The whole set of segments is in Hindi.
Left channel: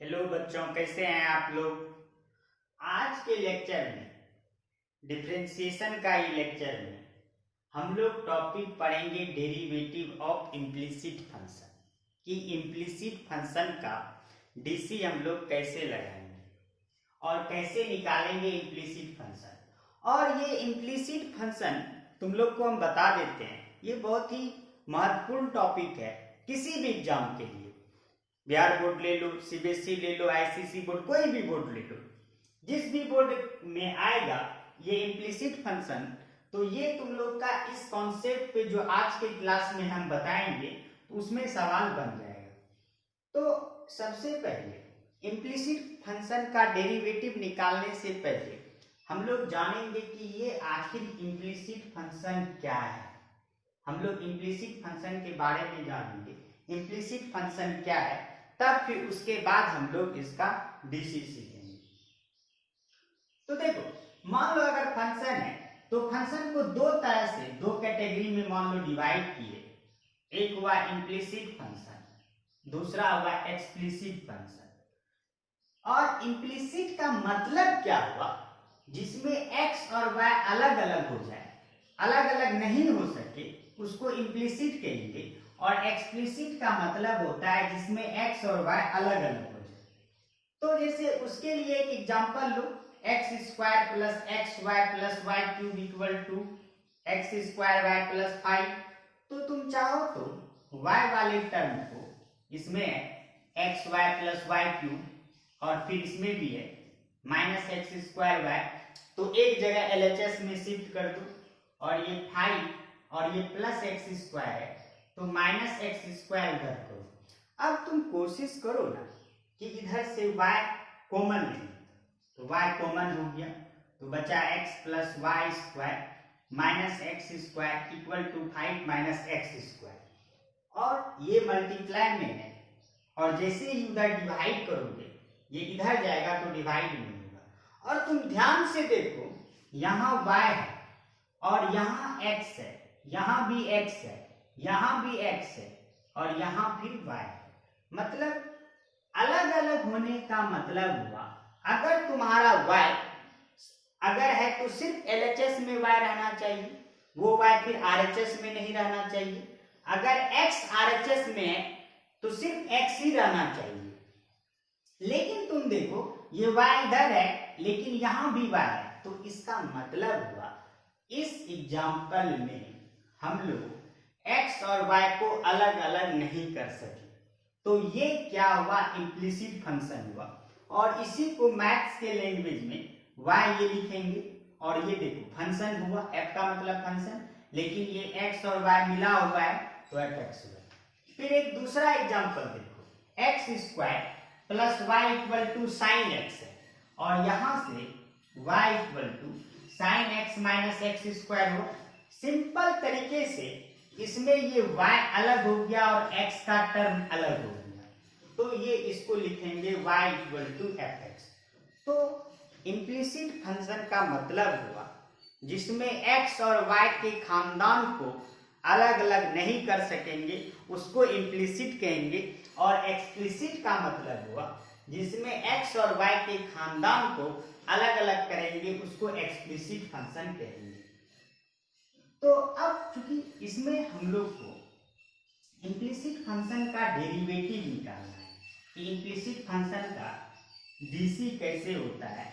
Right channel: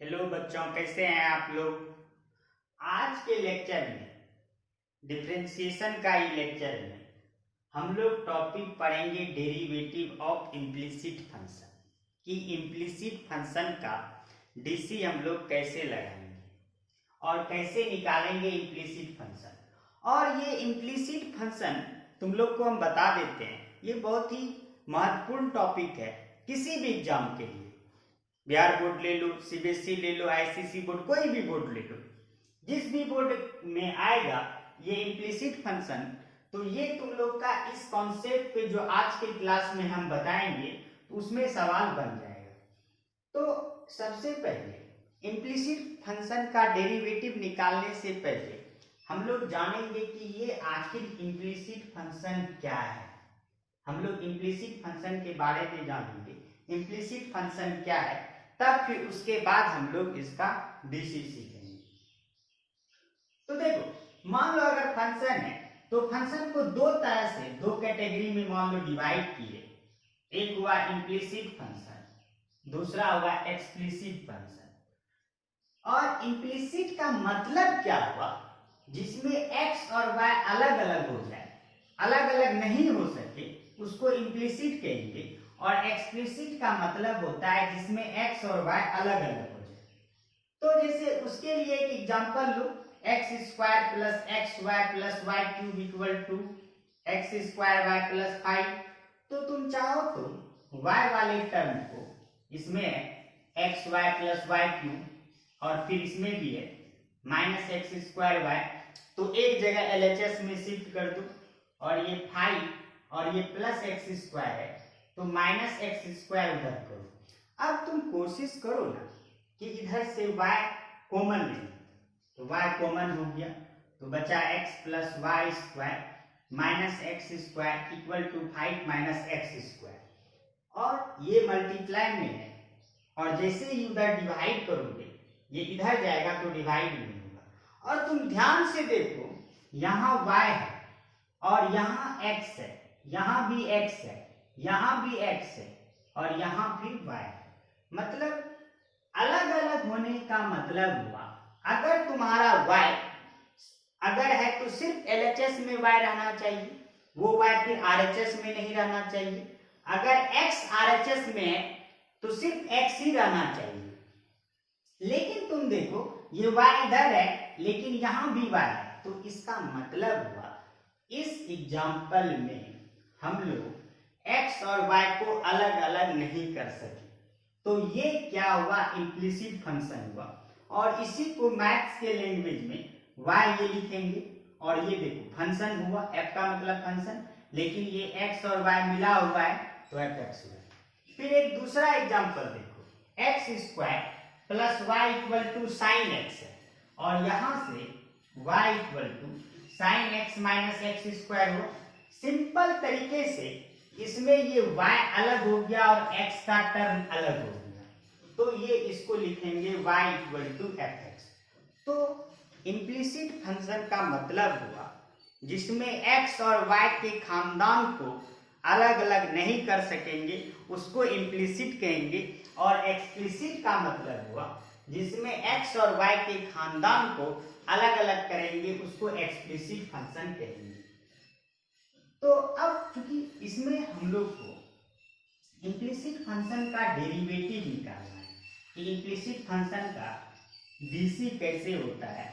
हेलो बच्चों, कैसे हैं आप लोग। आज के लेक्चर में डिफरेंशिएशन का ही लेक्चर में हम लोग टॉपिक पढ़ेंगे डेरिवेटिव ऑफ इम्प्लिसिट फंक्शन कि इम्प्लिसिट फंक्शन का डीसी हम लोग कैसे लगाएंगे और कैसे निकालेंगे इम्प्लिसिट फंक्शन। और ये इम्प्लिसिट फंक्शन तुम लोग को हम बता देते हैं, ये बहुत ही महत्वपूर्ण टॉपिक है किसी भी एग्जाम के लिए। बिहार बोर्ड ले लो, सीबीएसई ले लो, आईसीएसई बोर्ड, कोई भी बोर्ड ले लो, जिस भी बोर्ड में आएगा ये इम्प्लिसिट फंक्शन, तो ये तुम लोग का इस कॉन्सेप्ट पे जो आज के क्लास में हम बताएंगे तो उसमें सवाल बन जाएगा। तो सबसे पहले इम्प्लिसिट फंक्शन का डेरिवेटिव निकालने से पहले हम लोग जानेंगे कि ये आखिर इम्प्लिसिट फंक्शन क्या है। हम लोग इम्प्लिसिट फंक्शन के बारे में जानेंगे, इम्प्लिसिट फंक्शन क्या है, तब फिर उसके बाद हम लोग इसका डीसी सीखेंगे। तो देखो, मान लो अगर फंक्शन है तो फंक्शन को दो तरह से, दो कैटेगरी में मान लो डिवाइड किए। एक हुआ इम्प्लिसिट फंक्शन, दूसरा हुआ एक्सप्लिसिट फंक्शन। और इम्प्लिसिट का मतलब क्या हुआ, जिसमें एक्स और वाई अलग अलग हो जाए, अलग अलग नहीं हो सके, उसको इम्प्लिसिट कहेंगे। और एक्सप्लिसिट का मतलब होता है जिसमें एक्स और वाई अलग अलग हो जाए। तो जैसे उसके लिए एक एग्जांपल लो, x square plus x y plus y cube equal to x square y plus 5। तो तुम चाहो तो वाई वाले टर्म को, इसमें x y plus y cube और फिर इसमें भी है माइनस एक्स स्क्वायर वाई, तो एक जगह एलएचएस में शिफ्ट कर दो और ये 5 और ये प्लस एक्स स्क्वायर है तो माइनस एक्स स्क्वायर उधर करो। अब तुम कोशिश करो ना कि इधर से y कॉमन ले, तो y कॉमन हो गया तो बचा x plus y square minus x square equal to 5 minus x square. और ये मल्टीप्लाई में है और जैसे ही उधर डिवाइड करोगे ये इधर जाएगा तो डिवाइड नहीं होगा। और तुम ध्यान से देखो, यहाँ y है और यहाँ x है, यहाँ भी x है, यहाँ भी x है और यहाँ भी y है। मतलब अलग अलग होने का मतलब हुआ, अगर तुम्हारा y अगर है तो सिर्फ LHS में y रहना चाहिए, वो y फिर RHS में नहीं रहना चाहिए। अगर x RHS में है तो सिर्फ x ही रहना चाहिए। लेकिन तुम देखो ये y इधर है लेकिन यहाँ भी y है, तो इसका मतलब हुआ इस एग्जाम्पल में हम लोग x और y को अलग अलग नहीं कर सके। तो ये क्या हुआ, इम्प्लिसिट फंक्शन हुआ। और इसी को मैथ्स के लैंग्वेज में y ये लिखेंगे और ये देखो फंक्शन हुआ, f का मतलब फंक्शन, लेकिन ये x और y मिला हुआ है तो fx हुआ। फिर एक दूसरा एग्जाम्पल देखो, x square plus y equal to sine x है और यहाँ से y equal to sine x minus x square हो। सिंपल तरीके से इसमें ये y अलग हो गया और x का टर्म अलग हो गया, तो ये इसको लिखेंगे y equal to f x. तो इम्प्लिसिट फंक्शन का मतलब हुआ जिसमें x और y के खानदान को अलग अलग नहीं कर सकेंगे, उसको इम्प्लिसिट कहेंगे। और एक्सप्लिसिट का मतलब हुआ जिसमें x और y के खानदान को अलग अलग करेंगे, उसको एक्सप्लिसिट फंक्शन कहेंगे। तो अब चूंकि इसमें हम लोग को इम्प्लिसिट फंक्शन का डेरिवेटिव निकालना है कि इम्प्लिसिट फंक्शन का डीसी कैसे होता है,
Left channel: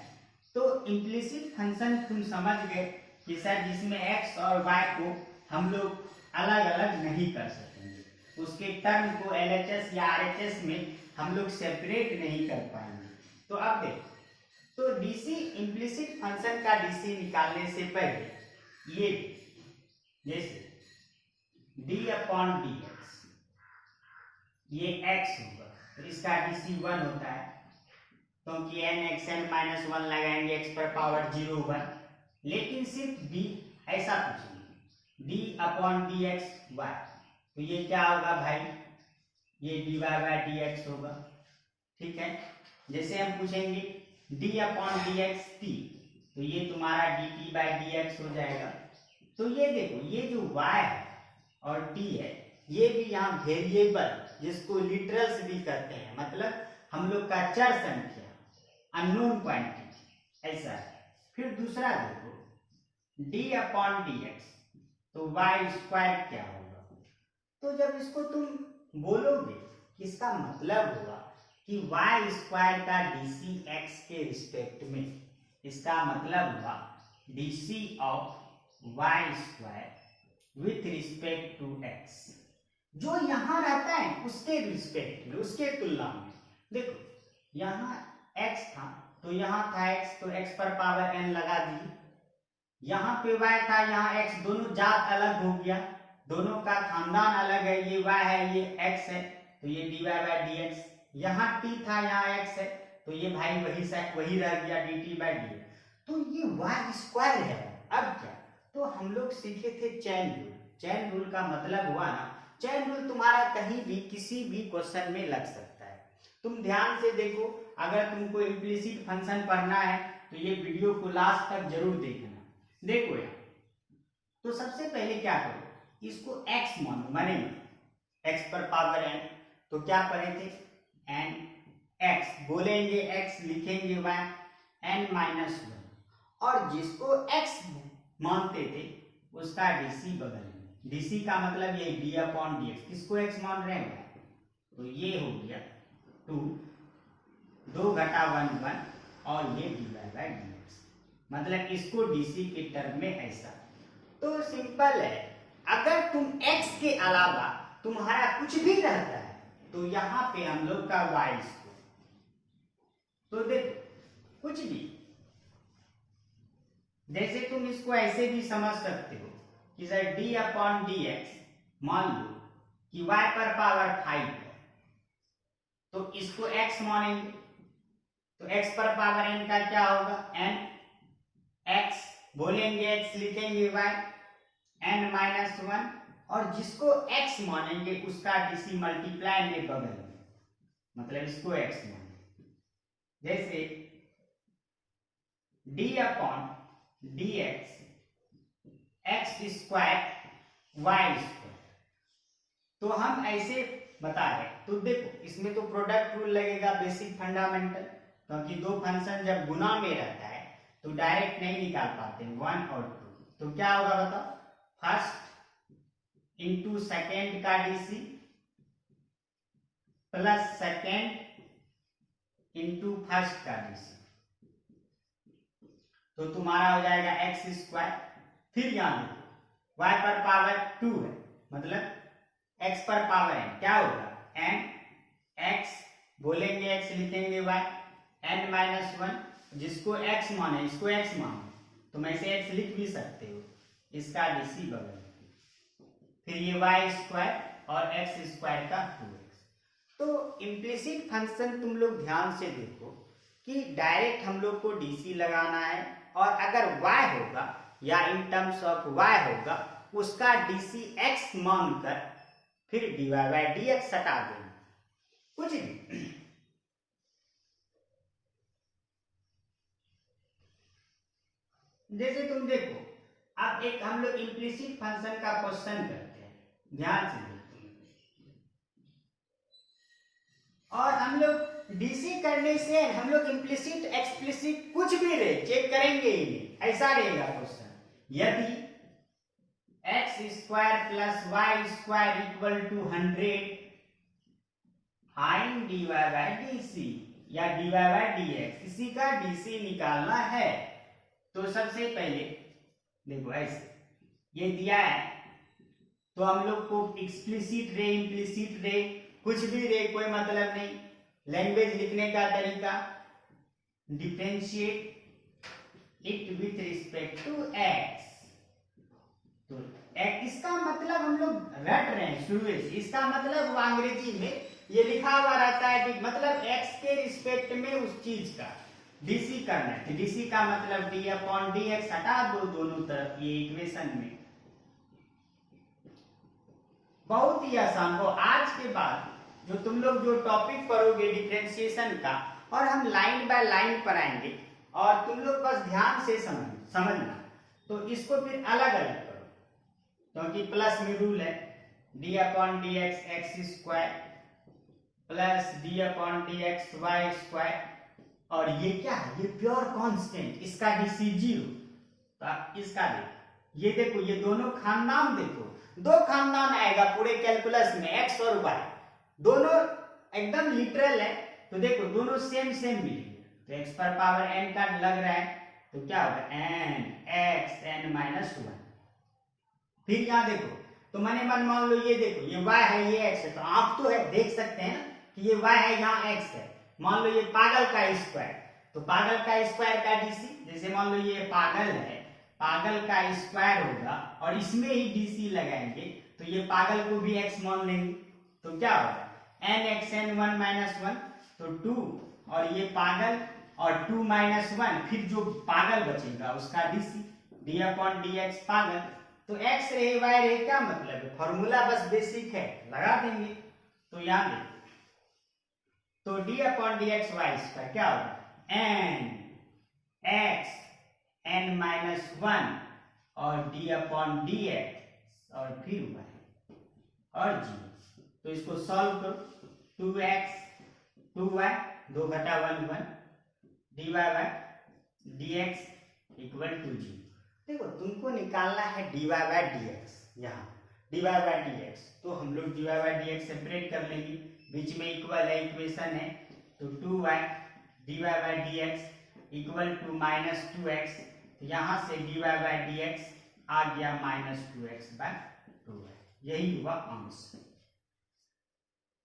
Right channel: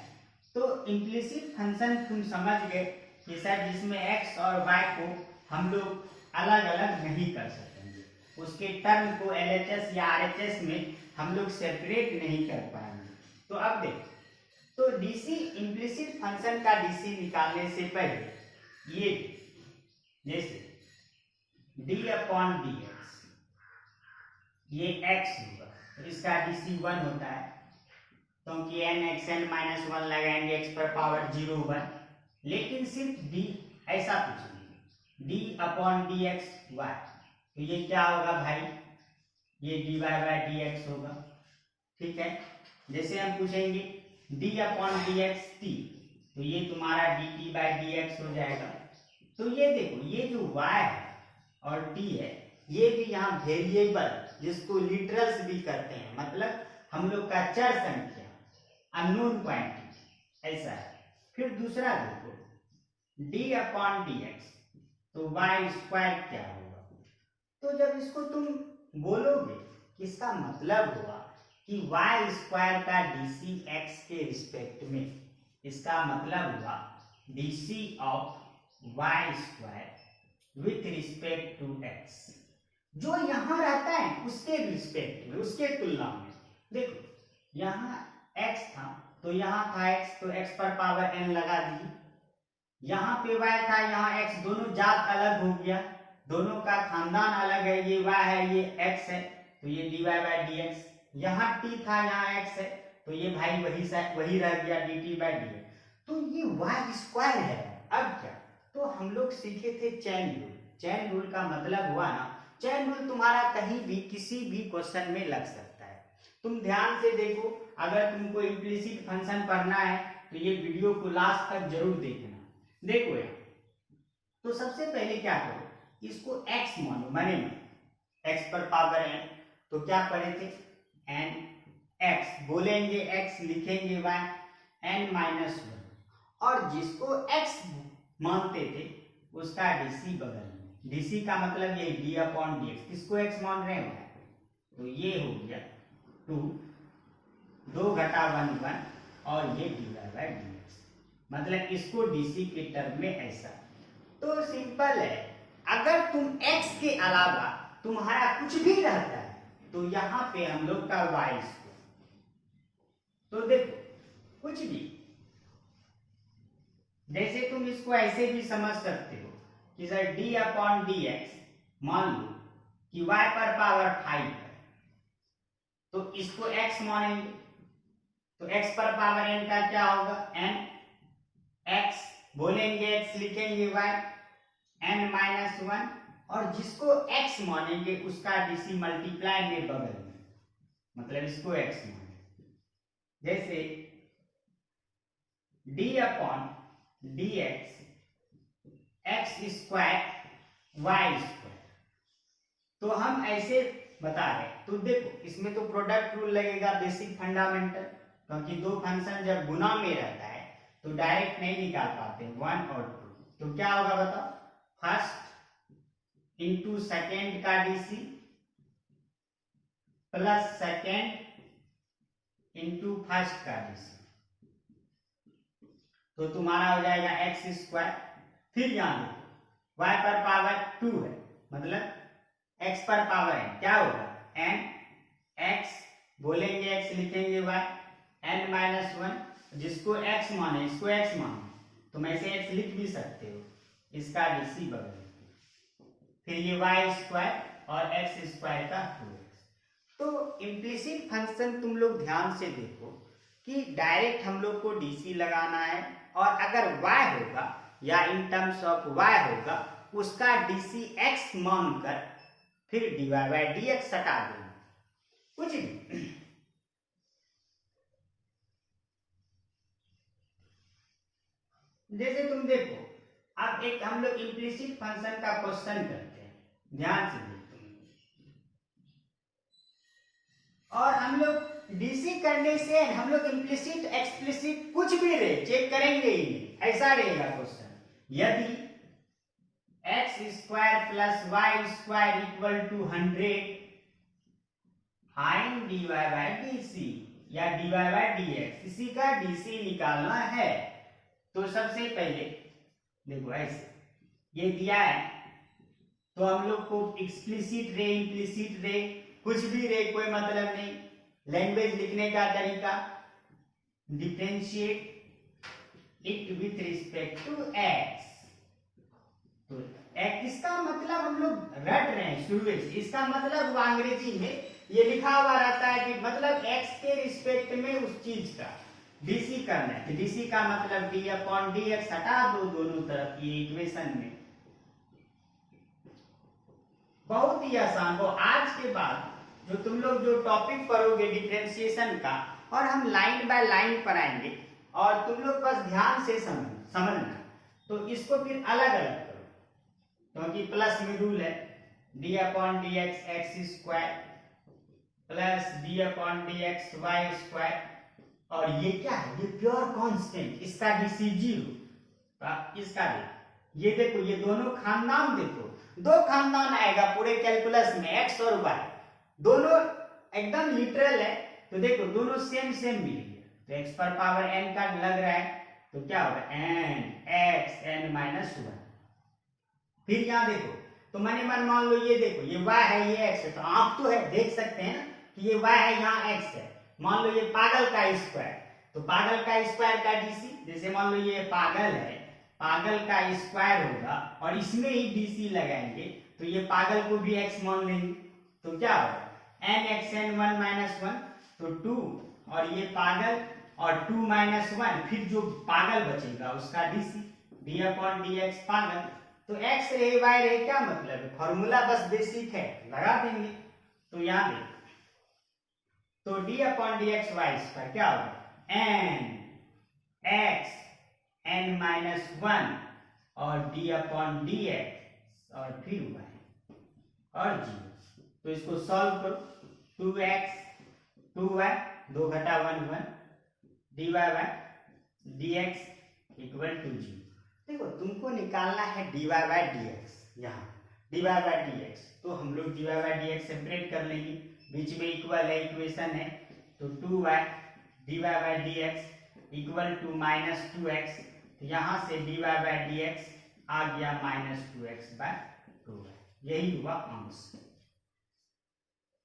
तो इम्प्लिसिट फंक्शन तुम समझ गए कि सर जिसमें x और y को हम लोग अलग अलग नहीं कर सकेंगे, उसके टर्म को LHS या RHS में हम लोग सेपरेट नहीं कर पाएंगे। तो अब देखो, तो डीसी इम्प्लिसिट फंक्शन का डीसी निकालने से पहले ये जैसे d अपॉन dx, ये x होगा तो इसका डीसी 1 होता है, क्योंकि n(xn - 1) लगाएंगे x पर पावर 0 1। लेकिन सिर्फ d ऐसा पूछेंगे d अपॉन dx y, तो ये क्या होगा भाई, ये dy बाय dx होगा। ठीक है, जैसे हम पूछेंगे d अपॉन dx t, तो ये तुम्हारा dt बाय dx हो जाएगा। तो ये देखो, ये जो y है और t है, ये भी यहाँ वेरिएबल जिसको लिटरल्स भी कहते हैं, मतलब हम लोग का चर संख्या, अननोन क्वांटिटी, ऐसा है। फिर दूसरा देखो d/dx, तो y स्क्वायर क्या होगा। तो जब इसको तुम बोलोगे, इसका मतलब हुआ कि y स्क्वायर का dc x के रिस्पेक्ट में, इसका मतलब हुआ dc of y square with respect to x, जो यहां रहता है उसके रिस्पेक्ट में, उसके तुलना में। देखो यहाँ x था तो यहाँ था x, तो x पर पावर n लगा दी। यहाँ पे y था, यहाँ x, दोनों जात अलग हो गया, दोनों का खानदान अलग है, ये y है ये x है, तो ये dy/dx। यहाँ t था, यहाँ x है, तो ये भाई वही रह गया dt/dx। तो ये y स्क्वायर है। अब क्या, तो हम लोग सीखे थे चैन रूल। चैन रूल का मतलब हुआ ना, चैन रूल तुम्हारा कहीं भी किसी भी क्वेश्चन में लग सकता है। तुम ध्यान से देखो, अगर तुमको इम्प्लिसिट फंक्शन पढ़ना है तो ये वीडियो को लास्ट तक जरूर देखना। देखो यार, तो सबसे पहले क्या करो, इसको x मानो, माने x पर पावर n, तो क्या पढ़े थे n x, बोलेंगे x, लिखेंगे y, n-1, और जिसको x मानते थे उसका dc बगल में। dc का मतलब ये d/dx, किसको x मान रहे हैं, तो ये हो गया 2 2 घटा 1 1, और ये dy/dx, मतलब इसको dc के टर्म में ऐसा। तो सिंपल है, अगर तुम x के अलावा तुम्हारा कुछ भी रहता है तो यहाँ पे हम लोग का y स्क्वायर, तो देखो कुछ भी, जैसे तुम इसको ऐसे भी समझ सकते हो कि सर d/dx, मान लो कि y पर पावर 5 है, तो इसको x मानेंगे, तो x पर पावर n का क्या होगा, n x, बोलेंगे x, लिखेंगे y, n-1, और जिसको x मानेंगे उसका dc मल्टीप्लाई में बगल में, मतलब इसको x मानेंगे। जैसे d/dx x square y square, तो हम ऐसे बता रहे। तो देखो इसमें तो प्रोडक्ट रूल लगेगा, बेसिक फंडामेंटल, क्योंकि दो फंक्शन जब गुना में रहता है तो डायरेक्ट नहीं निकाल पाते 1 और 2। तो क्या होगा बताओ, फर्स्ट इंटू सेकेंड का DC plus second into first का डीसी, तो तुम्हारा हो जाएगा एक्स स्क्वायर। फिर यहां देखो y पर पावर 2 है, मतलब x पर पावर है, क्या होगा n x, बोलेंगे x, लिखेंगे y, n-1, जिसको x माने इसको x माने, तुम ऐसे x लिख भी सकते हो, इसका dc बगल, फिर ये y स्क्वायर और x स्क्वायर का 2x। तो इम्प्लिसिट फंक्शन तुम लोग ध्यान से देखो कि डायरेक्ट हम लोग को dc लगाना है, और अगर y होगा या इन टर्म्स ऑफ y होगा उसका dc x मानकर फिर dy/dx हटा देना, कुछ नहीं। जैसे तुम देखो, अब एक हम लोग इम्प्लिसिट फंक्शन का क्वेश्चन करते हैं, ध्यान से देखो, और हम लोग डीसी करने से हम लोग इम्प्लिसिट एक्सप्लिसिट कुछ भी रहे चेक करेंगे ही नहीं, ऐसा रहेगा क्वेश्चन। यदि x square plus y square equal to 100, find dy/dc या dy/dx, इसी का डीसी निकालना है। तो सबसे पहले देखो ऐसे ये दिया है, तो हम लोग को एक्सप्लिसिट रे इम्प्लिसिट रे कुछ भी रे कोई मतलब नहीं, लैंग्वेज लिखने का तरीका, differentiate it with respect to x. तो इसका मतलब हम लोग रट रहे हैं शुरू से, इसका मतलब अंग्रेजी में ये लिखा हुआ रहता है कि मतलब एक्स के रिस्पेक्ट में उस चीज का डीसी करना है। डीसी का मतलब d/dx हटा दो दोनों तरफ ये इक्वेशन में, बहुत ही आसान हो। आज के बाद जो तुम लोग जो टॉपिक पढ़ोगे डिफरेंशिएशन का, और हम लाइन बाय लाइन पढ़ाएंगे, और तुम लोग बस ध्यान से समझना, तो इसको फिर अलग अलग करो, क्योंकि प्लस में रूल है d/dx x square plus d upon d x y square, और ये क्या है, ये प्योर कांस्टेंट, इसका डीसी 0, इसका ये देखो, ये दोनों खानदान देखो, दो खानदान आएगा पूरे कैलकुलस में, एक्स और वाई दोनों एकदम लिटरल है, तो देखो दोनों सेम सेम मिलेंगे, तो एक्स पर पावर n का लग रहा है, तो क्या होगा n x n माइनस 1। फिर यहाँ देखो, तो मैंने मान लो ये देखो, ये y है ये x है, तो आप तो है देख सकते हैं कि ये y है यहाँ x है, मान लो ये पागल का स्क्वायर, तो पागल का स्क्वायर का डीसी, जैसे मान लो ये पागल है, पागल का स्क्वायर होगा और इसमें ही डीसी लगाएंगे, तो ये पागल को भी x मान लेंगे, तो क्या होगा n x n 1 माइनस 1, तो 2, और ये पागल और 2 माइनस 1, फिर जो पागल बचेगा उसका DC D upon d x पागल, तो x रहे y रहे, क्या मतलब है, फॉर्मूला बस बेसिक है, लगा देंगे, तो यहाँ देखिए, तो d upon d x y square क्या होगा n x n माइनस 1 और डी अपॉन डी एक्स और फिर y और 0, तो इसको सॉल्व करो, 2x 2y 2 घटा 1 1 dy by dx equal to 0। देखो तुमको निकालना है dy बाय dx, यहाँ dy बाय dx, तो हम लोग dy बाय dx सेपरेट कर लेंगे, बीच में इक्वल है, इक्वेशन है, तो 2y dy by dx equal to minus 2x, तो यहाँ से dy बाय dx आ गया माइनस 2x बाय 2y, यही हुआ आंसर।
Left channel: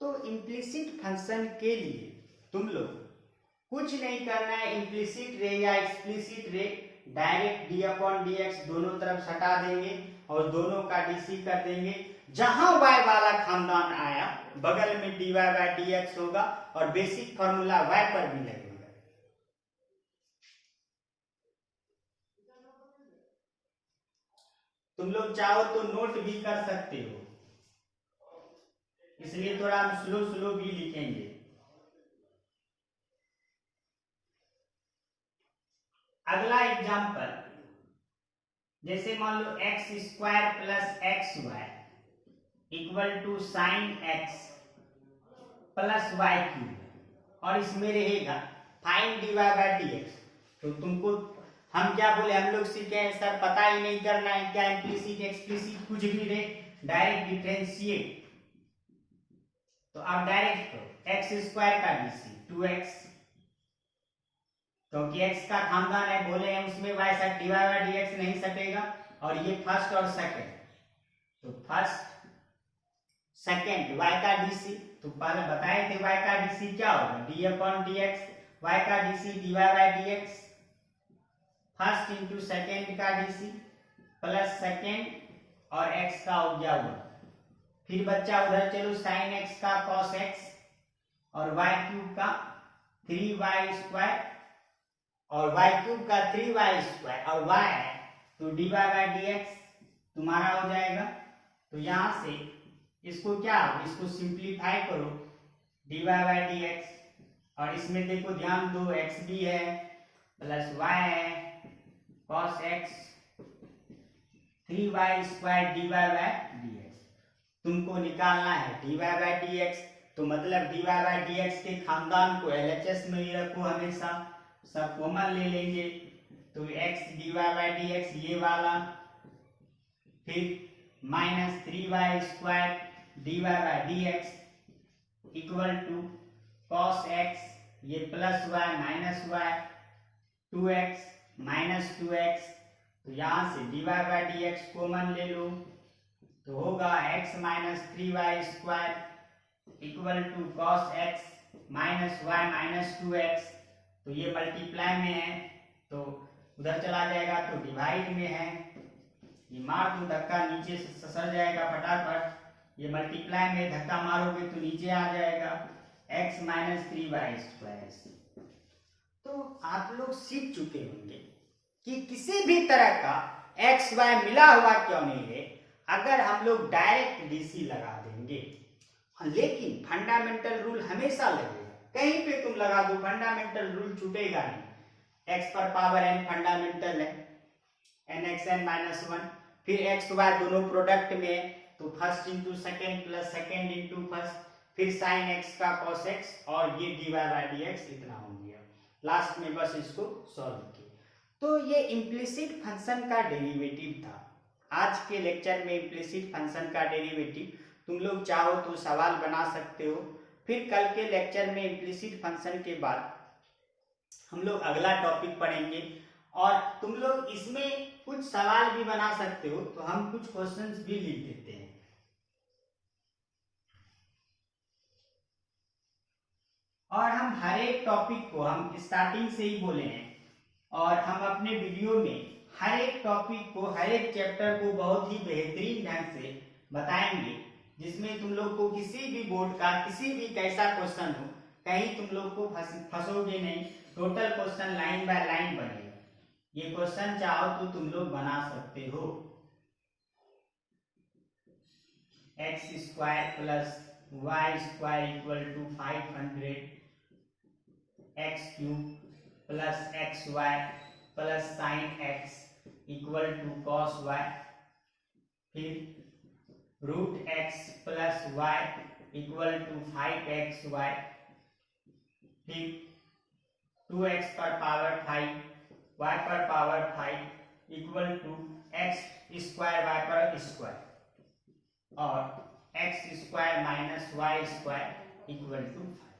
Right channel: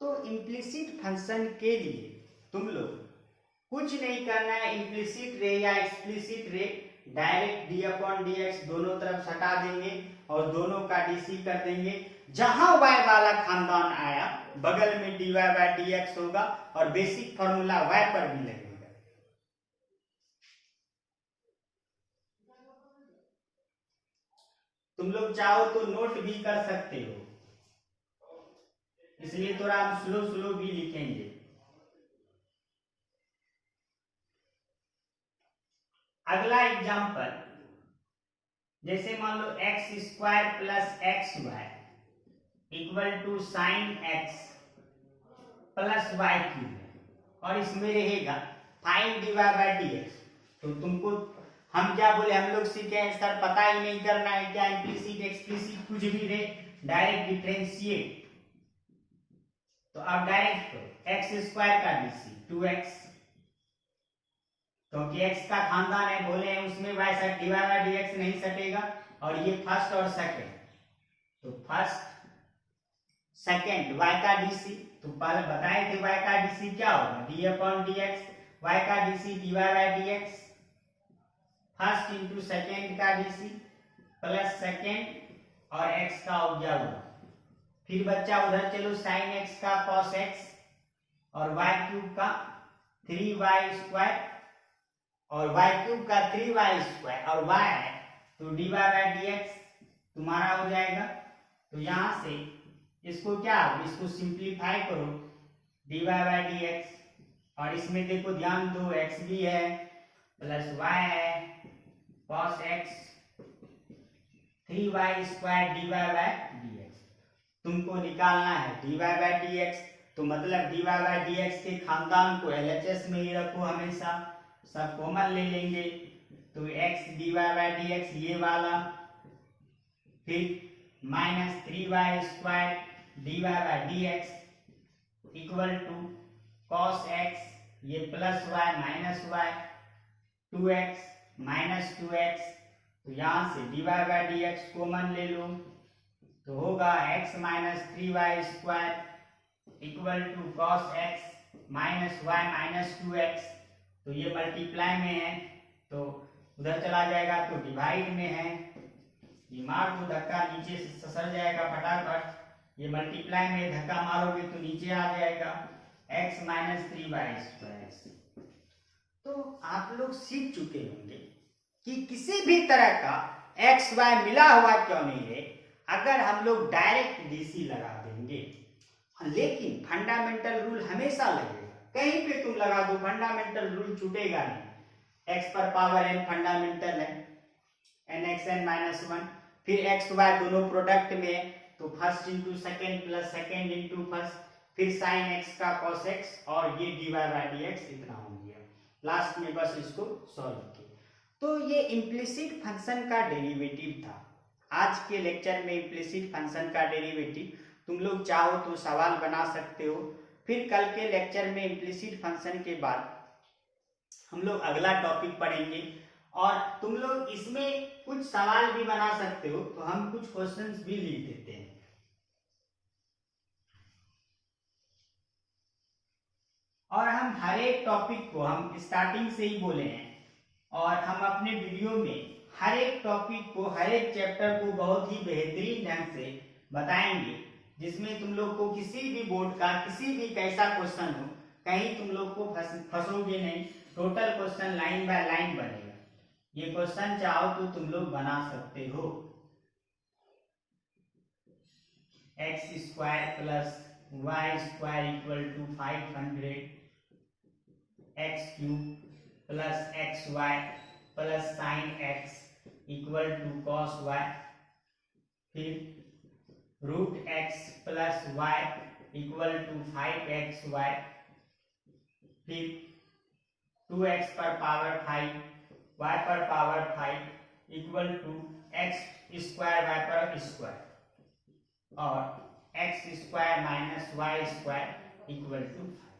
तो इम्प्लिसिट फंक्शन के लिए तुम लोग कुछ नहीं करना है, इम्प्लिसिट रे या एक्सप्लिसिट रे direct D upon d x दोनों तरफ हटा देंगे और दोनों का डीसी कर देंगे, जहां y वाला खानदान आया बगल में dy बाय डी एक्स होगा और बेसिक फॉर्मूला y पर भी लगेगा। तुम लोग चाहो तो नोट भी कर सकते हो, इसलिए थोड़ा हम स्लो स्लो भी लिखेंगे। अगला एग्जांपल, जैसे मान लो x square plus x y equal to sine x plus y cube, और इसमें रहेगा find d y by d x, तो तुमको हम क्या बोले, हम लोग सीखे हैं सर पता ही नहीं करना है क्या इम्प्लिसिट एक्सप्लिसिट कुछ भी रहे, डायरेक्ट डिफरेंशिएट, तो अब डायरेक्ट करो एक्स स्क्वायर का डीसी 2x, क्योंकि x का खानदान है बोले हैं उसमें y सट dy बाय dx नहीं सटेगा, और ये फर्स्ट और सेकंड, तो फर्स्ट सेकंड y का डीसी, तो पहले बताए थे y का डीसी क्या होगा d अपॉन dx, y का DC dy by dx, first into second का डीसी प्लस सेकंड और x का हो गया वो, फिर बच्चा उधर चलो साइन x का cos x और y क्यूब का 3y स्क्वायर और y क्यूब का 3y स्क्वायर और y है तो dy बाय dx तुम्हारा हो जाएगा, तो यहां से इसको क्या, इसको सिंप्लीफाई करो dy बाय dx, और इसमें देखो ध्यान दो x भी है प्लस y है cos x 3y square dy by dx, तुमको निकालना है dy बाय dx, तो मतलब dy बाय dx के खानदान को LHS में ही रखो हमेशा, सब कॉमन ले लेंगे, तो x dy बाय dx ये वाला, फिर minus 3y square dy by dx equal to cos x ये plus y minus y 2x minus 2x, तो यहाँ से dy बाय dx कॉमन ले लो, तो होगा x minus 3y square equal to cos x minus y minus 2x, तो ये मल्टीप्लाई में है तो उधर चला जाएगा, तो डिवाइड में है, ये मार दो धक्का नीचे से ससर जाएगा फटाफट, ये मल्टीप्लाई में धक्का मारोगे तो नीचे आ जाएगा x माइनस 3y स्क्वायर। तो आप लोग सीख चुके होंगे कि किसी भी तरह का x y मिला हुआ क्यों नहीं है, अगर हम लोग डायरेक्ट डीसी लगा देंगे, लेकिन फंडामेंटल रूल हमेशा लगेगा, कहीं पे तुम लगा दो फंडामेंटल रूल छूटेगा नहीं, x पर पावर n फंडामेंटल है n x n माइनस 1, फिर x y दोनों प्रोडक्ट में, तो first into second plus second into first, फिर साइन एक्स का कॉस एक्स और ये dy बाई डी एक्स इतना हो गया। लास्ट में बस इसको सॉल्व किए। तो ये इम्प्लिसिट फंक्शन का डेरिवेटिव था। आज के लेक्चर में इम्प्लिसिट फंक्शन का डेरिवेटिव तुम लोग चाहो तो सवाल बना सकते हो। फिर कल के लेक्चर में इम्प्लिसिट फंक्शन के बाद हम लोग अगला टॉपिक पढ़ेंगे और तुम लोग इसमें कुछ सवाल भी बना सकते हो, तो हम कुछ क्वेश्चंस भी लिख देते हैं। और हम हर एक टॉपिक को हम स्टार्टिंग से ही बोले हैं और हम अपने वीडियो में हर एक टॉपिक को, हर एक चैप्टर को बहुत ही बेहतरीन ढंग से बताएंगे, जिसमें तुम लोग को किसी भी बोर्ड का किसी भी कैसा क्वेश्चन हो, कहीं तुम लोग को फंसोगे नहीं। Total question line by line बनेगा। ये क्वेश्चन चाहो तो तुम लोग बना सकते हो। X square plus y square equal to 500 x cube plus x y plus sine x equal to cos y, फिर root x plus y equal to 5x y, फिर 2x पर पावर 5 y पर power 5 equal to x square y पर स्क्वायर और x square minus y square equal to 5।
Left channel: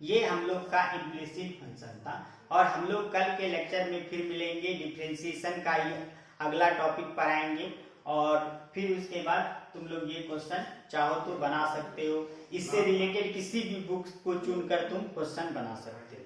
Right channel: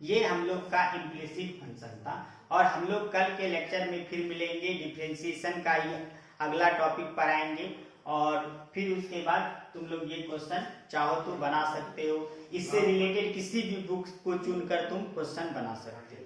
ये हम लोग का इम्प्लिसिट फंक्शन था और हम लोग कल के लेक्चर में फिर मिलेंगे। डिफरेंशिएशन का ही अगला टॉपिक पढ़ाएंगे और फिर उसके बाद तुम लोग ये क्वेश्चन चाहो तो बना सकते हो। इससे रिलेटेड किसी भी बुक्स को चुनकर तुम क्वेश्चन बना सकते हो।